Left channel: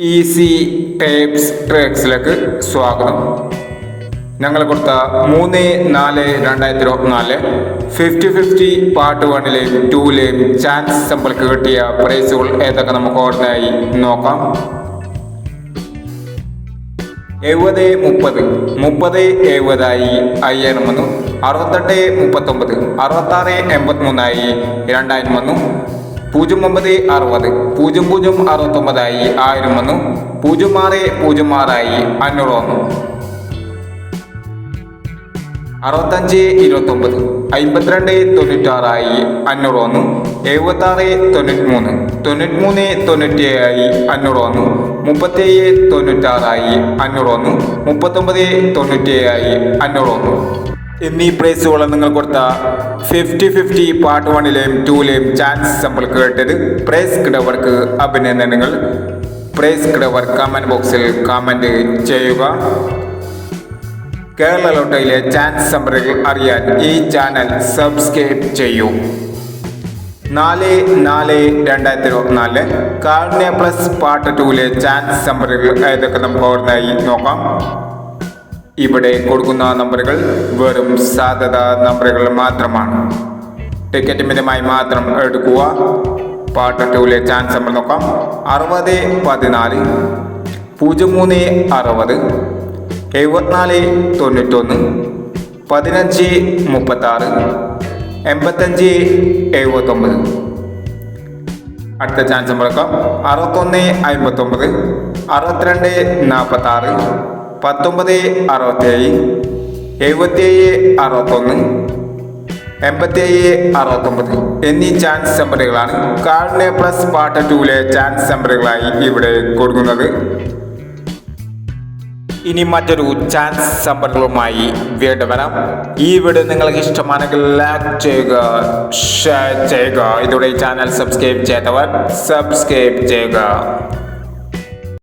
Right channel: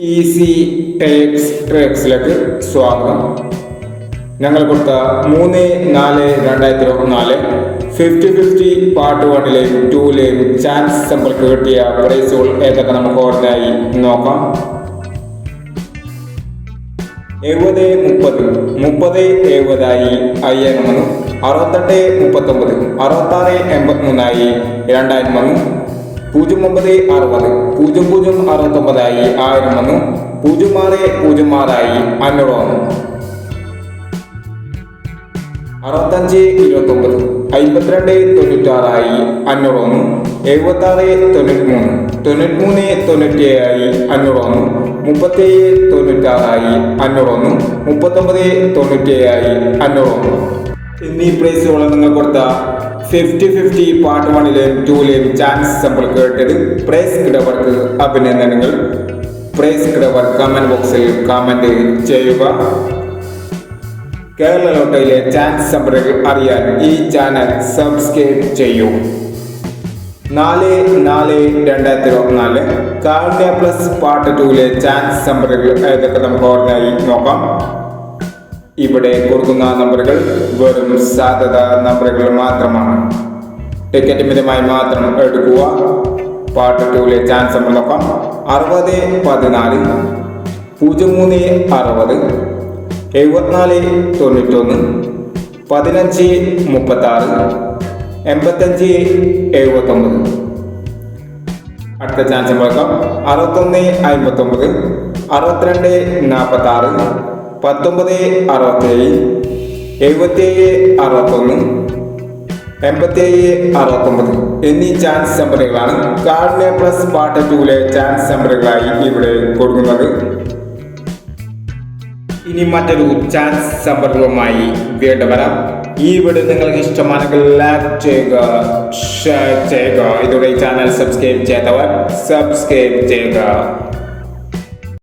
Easy tapes ട്രേക്സിലേക്ക് സ്വാഗതം. ഞങ്ങൾ കൊടുത്ത 3/4/2024 50-50 പാർട്ട് 1ലെയും 2ലെയും ചാൻസ് സമ്പൾക്ക് കിട്ടിയ പ്രൈസുകൾ ഏതൊക്കെ നമുക്ക് ഓർമ്മയായി നോക്കാം. 70-30 30-70 5000 68-39 66-83 2000 09-60 00-69 1000 06-06 500 65-29 52-96 500 76-93 93-97 500 37-96 500 39-97 500 എന്നീ പ്രൈസുകൾ നിങ്ങൾ കൊടുത്ത 50-50 പാർട്ട് 1ലെയും 2ലെയും ചാൻസ് സമ്പിൾ കേട്ടത് പ്രൈസ് കിടവർക്ക് അഭിനന്ദനങ്ങൾ. പ്രൈസ് കിടവർ കമന്റ് ബോക്സിൽ കമന്റ് ചെയ്യുക. കേരള ലോട്ടറിയിലെ ചാൻസ് സമ്പറുകൾ അറിയാൻ ഈ ചാനൽ സബ്സ്ക്രൈബ് ചെയ്യൂ. 4/4/2024 കാരുണ്യ പ്ലസ് പാർട്ട് 2ലെ ചാൻസ് സമ്പറുകൾ ഏതൊക്കെ നമുക്ക് ഓർമ്മയായി നോക്കാം. ഇവിടെ കൊടുക്കുന്ന നമ്പറുകൾ വെറും സാധ്യത നമ്പറുകൾ മാത്രമാണ്. ടിക്കറ്റ് മിതമായി മാത്രം എടുക്കുക. പാർട്ട് 2ലെ ചാൻസ് നമ്മൾ നോക്കാം. 60-14 03-60 74-91 15-36 85-79. അടുത്ത ചാൻസ് നോക്കാം. 61-59 62-46 19-67 77-61 87-69 എന്നീ ചാൻസ് നമ്പറുകളാണ് കാരുണ്യ പ്ലസ് പാർട്ട് 2ലെ ചാൻസ് നമ്പറുകളായി ഇവിടെ കൊടുക്കുന്നത്. ഇനി മറ്റൊരു ചാൻസ് നമ്പറുകളുമായി വീണ്ടും വരാം. ഈ വീഡിയോ നിങ്ങൾക്ക് ഇഷ്ടമാണെങ്കിൽ ലൈക്ക് ചെയ്യുക, ഷെയർ ചെയ്യുക. ഇതോടെ ചാനൽ സബ്സ്ക്രൈബ് ചെയ്തവർ സബ്സ്ക്രൈബ് ചെയ്യുക.